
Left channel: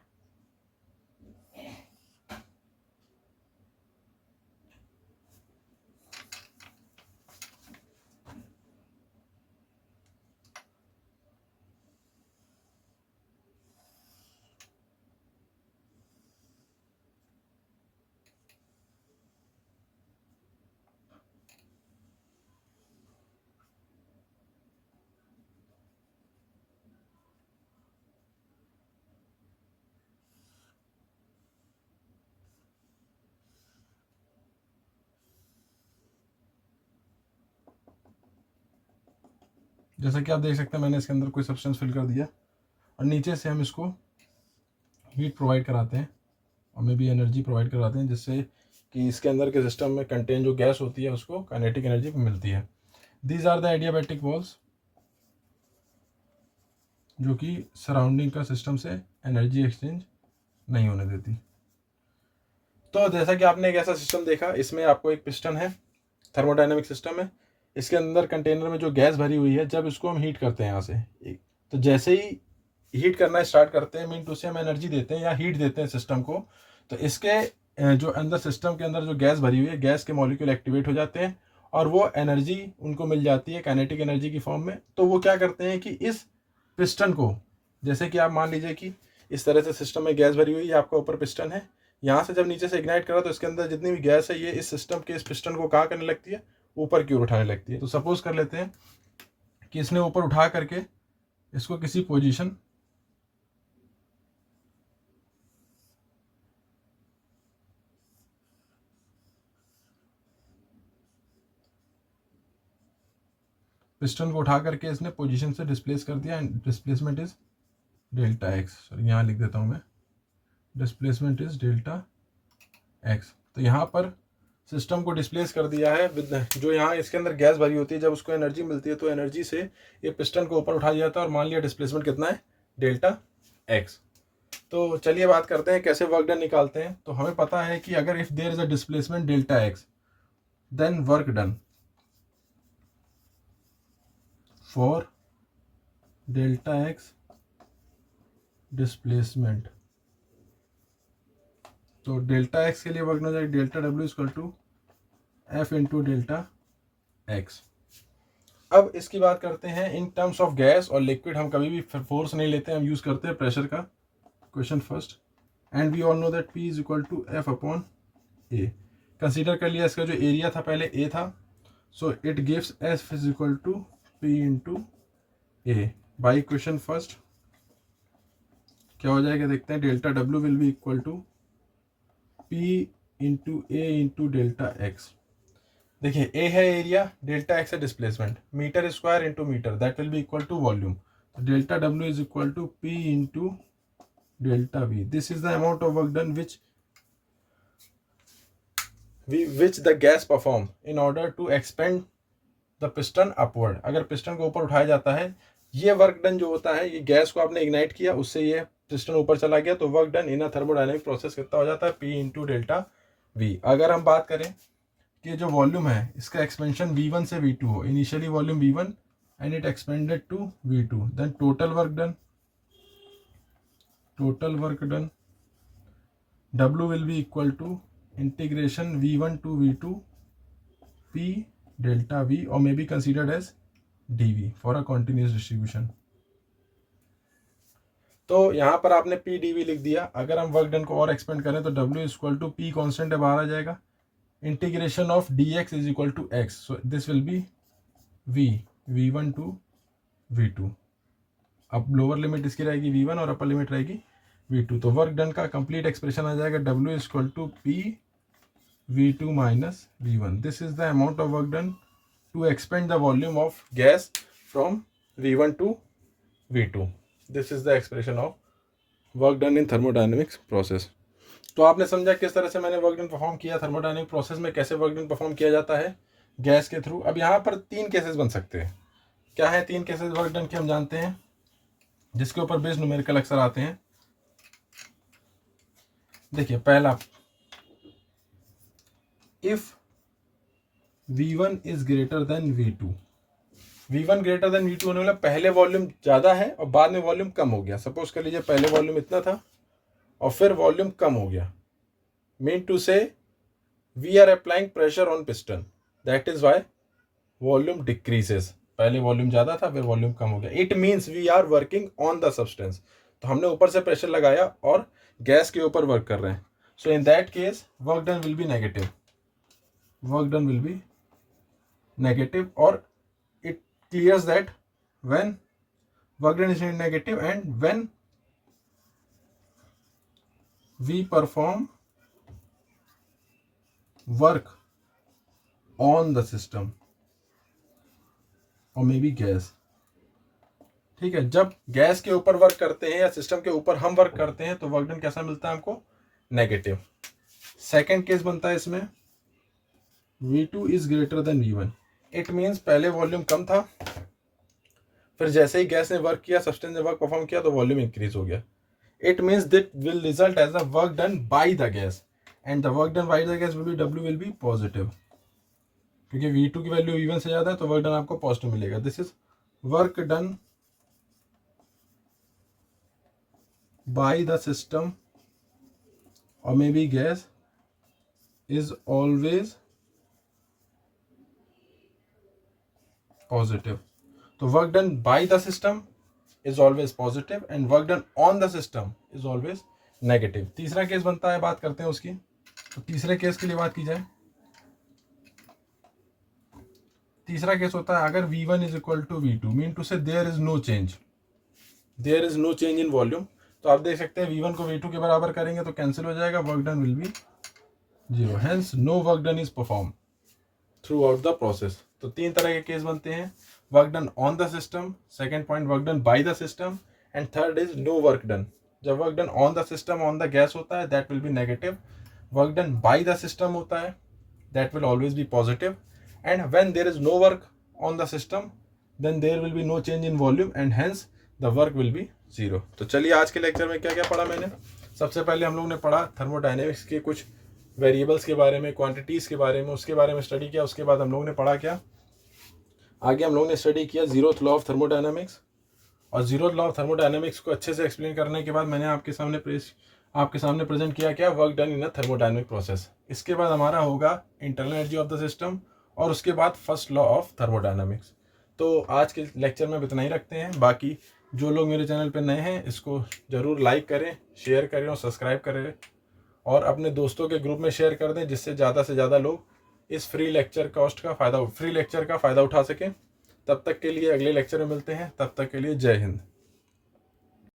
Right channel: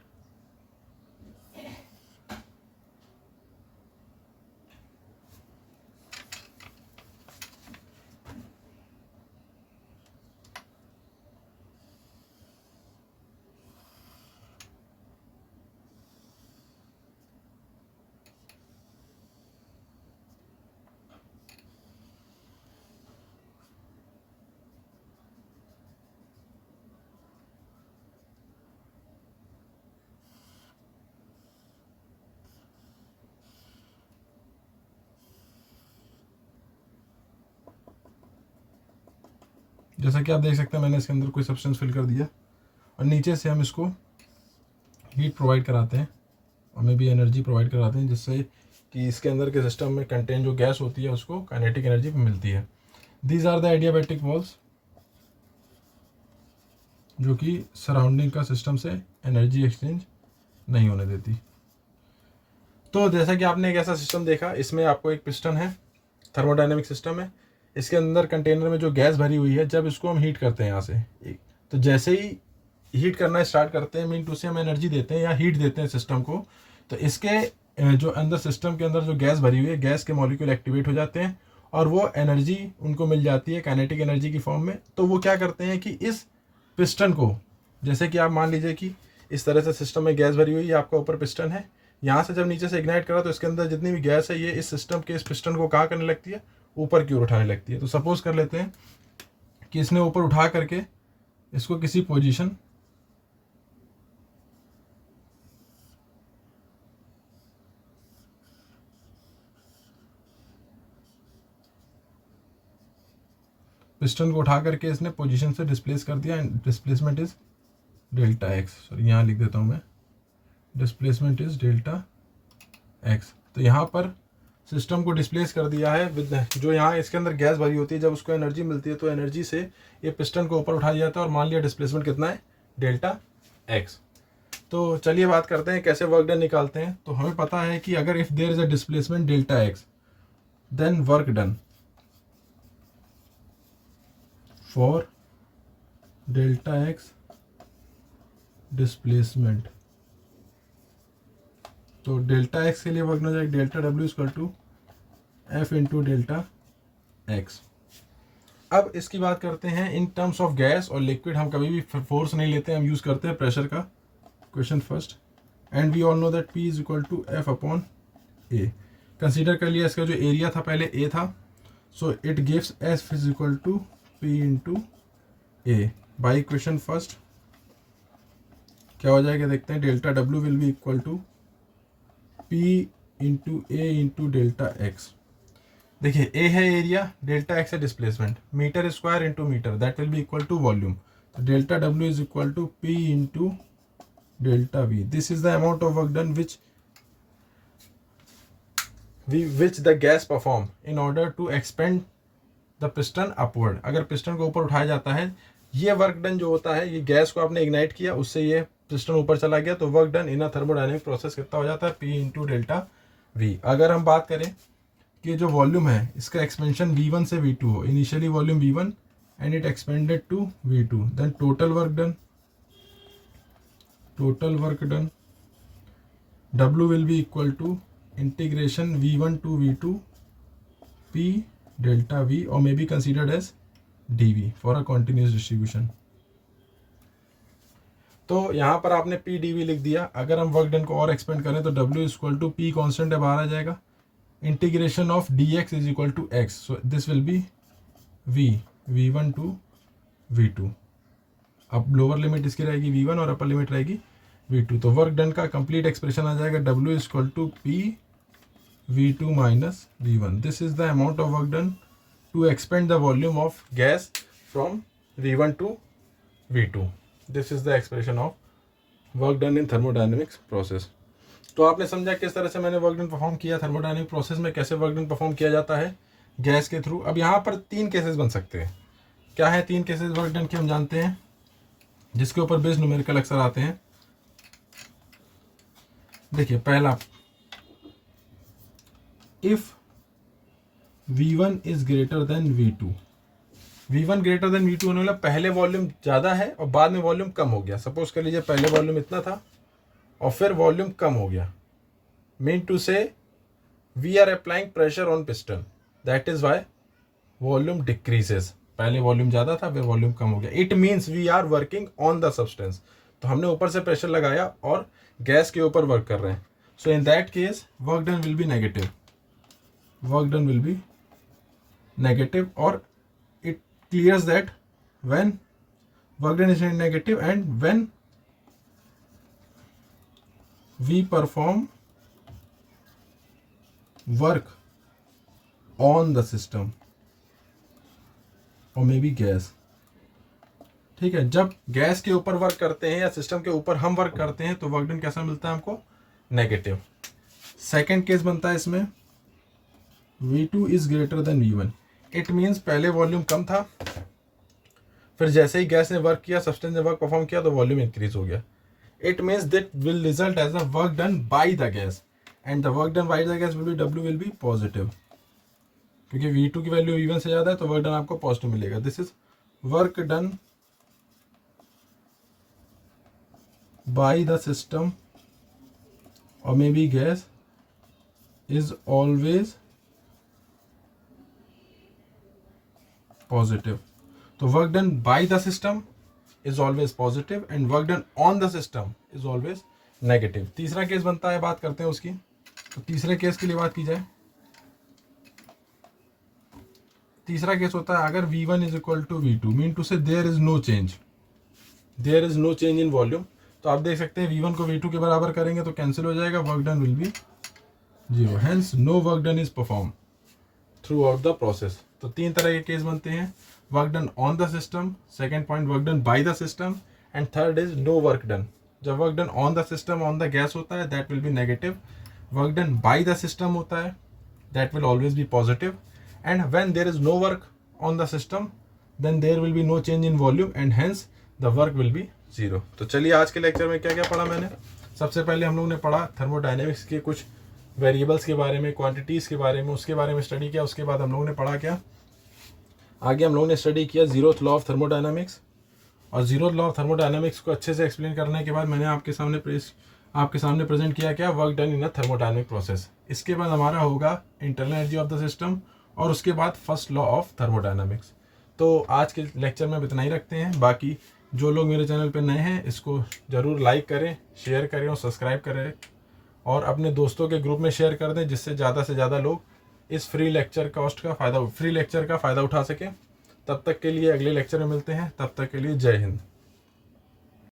जैसा कि आप देख सकते हैं मैंने इसके अंदर कोई सब्सटेंस फिल कर दिया और नीचे से हम इसको हीट प्रोवाइड कराते हैं और मे भी एनर्जी प्रोवाइड कराते हैं जिससे कि इसके अंदर के सिस्टम में कंटेन जो गैस होती है उसको काइनेटिक एनर्जी मिलती है। These are the adiabatic walls जो कि सराउंडिंग का सिस्टम से एनर्जी एक्सचेंज नहीं होने देती। तो जैसा कि आपने एक ऐसा सिस्टम देखा, इसमें आपको एक पिस्टन है, थर्मोडायनेमिक सिस्टम है। इसके अंदर कंटेनर में जो गैस भरी हुई है, जब इसको हम हीट करते हैं यहाँ से, तो जैसे ही हीट करना स्टार्ट करते हैं मीन टू से हम एनर्जी देते हैं या हीट देते हैं सिस्टम को, तो इसके जो अंदर सिस्टम के अंदर जो गैस भरी हुई है, गैस के मॉलिक्यूल एक्टिवेट हो जाते हैं और वो एनर्जी उनको मिल जाती है काइनेटिक एनर्जी की फॉर्म में। तो वो क्या करते हैं कि इस पिस्टन को, जैसे कि आप मान लीजिए कि इस तरह से सिस्टम में गैस भरी हुई है, आपका ऊपर पिस्टन है, यहाँ से जब नीचे से इग्नाइट करा तो इसके अंदर जितनी भी गैस है ये इस सिस्टम के इस पिस्टन को कहाँ करने लगती है, ऊपर की ओर उठाने लगती है। तो सपोज कर लेते हैं कि इसने ऊपर उठा करके इसको किसी पोजीशन पिस्टन को उठा करके इसने पोजीशन से डिस्प्लेस कर दिया and displacement is delta x. Sorry यहाँ लिख देता हूँ मैं, डिस्प्लेसमेंट इज डेल्टा एक्स। तो यहाँ पर सिस्टम को डिस्प्लेस कर दिया है विद जो यहाँ इसके अंदर गैस भरी होती है, जब उसको एनर्जी मिलती है तो एनर्जी से ये पिस्टन को ऊपर उठा दिया जाता है और मान लिया डिस्प्लेसमेंट कितना है, डेल्टा एक्स। तो चलिए बात करते हैं कैसे वर्क डन निकालते हैं। तो हमें पता है कि अगर if there is a displacement delta X then work done for delta X displacement. तो डेल्टा एक्स के लिए वर्क डन हो जाएगा delta W equal to F into delta X. अब इसकी बात करते हैं इन टर्म्स ऑफ गैस और लिक्विड। हम कभी भी फोर्स नहीं लेते, हम यूज़ करते हैं प्रेशर का, question first. And we all know that P is equal to F upon A. Consider कर लिया इसका जो एरिया था पहले ए था, so it gives F is equal to P into A. By equation first क्या हो जाएगा देखते हैं, delta W will be equal to P into A into delta X. देखिए ए है एरिया, डेल्टा एक्स है displacement, metre square into metre, that will be equal to volume. तो delta W is equal to P into delta V. This is the amount of work done which the gas perform in order to expand the piston upward। अगर piston को ऊपर उठाया जाता है, ये work done जो होता है, ये गैस को आपने इग्नाइट किया, उससे ये पिस्टन ऊपर चला गया, तो वर्क डन इन अ थर्मोडायनेमिक प्रोसेस कितना हो जाता है, P इंटू डेल्टा वी। अगर हम बात करें कि जो वॉल्यूम है इसका एक्सपेंशन V1 से V2 हो, initially volume V1 and it expanded to V2, then total work done W will be equal to integration V1 to V2 P delta V, or may be considered as dV for a continuous distribution। तो यहाँ पर आपने P dV लिख दिया। अगर हम work done को और एक्सपेंड करें तो W is equal to P constant है, बाहर आ जाएगा, integration of dx is equal to x, so this will be V1 to V2। अब लोअर लिमिट इसकी रहेगी V1 और अपर लिमिट रहेगी V2। तो वर्क डन का कंप्लीट एक्सप्रेशन आ जाएगा W is equal to P V2 minus V1। This is the amount of work done to expand the volume of gas from V1 to V2। This is the expression of work done in thermodynamics process. तो आपने समझा किस तरह से मैंने work done perform किया thermodynamic process में, कैसे वर्क डन परफॉर्म किया जाता है गैस के थ्रू। अब यहाँ पर 3 केसेस बन सकते हैं। क्या है 3 केसेस वर्क डन के, हम जानते हैं, जिसके ऊपर बेस्ड न्यूमेरिकल अक्सर आते हैं। देखिए पहला, if V1 is greater then V2, V1 greater than V2 होने वाला, पहले वॉल्यूम ज़्यादा है और बाद में वॉल्यूम कम हो गया। सपोज कर लीजिए पहले वॉल्यूम इतना था और फिर वॉल्यूम कम हो गया, mean to say we are applying pressure on piston, that is why volume decreases. पहले वॉल्यूम ज़्यादा था, फिर वॉल्यूम कम हो गया, it means we are working on the substance. तो हमने ऊपर से प्रेशर लगाया और गैस के ऊपर वर्क कर रहे हैं। So in that case work done will be negative, work done will be negative, और it clears that when work done is negative and when we perform work on the system or maybe gas। ठीक है, जब gas के ऊपर work करते हैं या system के ऊपर हम वर्क करते हैं तो वर्क डन कैसा मिलता है हमको, नेगेटिव। सेकेंड केस बनता है इसमें V2 is greater than V1, it means पहले वॉल्यूम कम था, फिर जैसे ही गैस ने वर्क किया, सब्सटेंस ने वर्क परफॉर्म किया, तो वॉल्यूम इंक्रीज हो गया। It means that will result as a work done by the gas, and the work done by the gas will be W will be positive, क्योंकि V2 की value V1 से ज़्यादा है तो वर्क डन आपको positive मिलेगा। This is work done by the system और may be gas is always positive. तो work done by the system is always positive and work done on the system is always negative. तीसरा case बनता है, बात करते हैं उसकी। तो तीसरे केस के लिए बात की जाए, तीसरा केस होता है अगर V1 is equal to V2, mean to say there is no change, there is no change in volume. तो आप देख सकते हैं V1 को V2 के बराबर करेंगे तो कैंसिल हो जाएगा, work done will be 0, hence no work done is perform throughout the process. तो 3 तरह के केस बनते हैं, work done on the system, second point work done by the system, and third is no work done. जब work done on the system on the gas होता है that will be negative, work done by the system होता है that will always B positive, and when there is no work on the system then there will be no change in volume and hence the work will be 0। तो चलिए आज के lecture में क्या क्या पढ़ा मैंने। सबसे पहले हम लोगों ने पढ़ा थर्मोडायनेमिक्स के कुछ वेरिएबल्स के बारे में, क्वांटिटीज़ के बारे में, उसके बारे में स्टडी किया। उसके बाद हम लोगों ने पढ़ा क्या, आगे हम लोगों ने स्टडी किया जीरोथ लॉ ऑफ थर्मोडायनामिक्स। और जीरोथ लॉ ऑफ थर्मोडायनामिक्स को अच्छे से एक्सप्लेन करने के बाद मैंने आपके सामने प्रेजेंट किया क्या, वर्क डन इन अ थर्मोडायनामिक प्रोसेस। इसके बाद हमारा होगा internal energy of the system और उसके बाद फर्स्ट लॉ ऑफ थर्मोडायनामिक्स। तो आज के लेक्चर में इतना ही रखते हैं। बाकी जो लोग मेरे चैनल पर नए हैं इसको ज़रूर लाइक करें, शेयर करें और सब्सक्राइब करें। और अपने दोस्तों के ग्रुप में शेयर कर दें, जिससे ज़्यादा से ज़्यादा लोग इस फ्री लेक्चर का फ़ायदा उठा सकें। तब तक के लिए अगले लेक्चर में मिलते हैं, तब तक के लिए जय हिंद।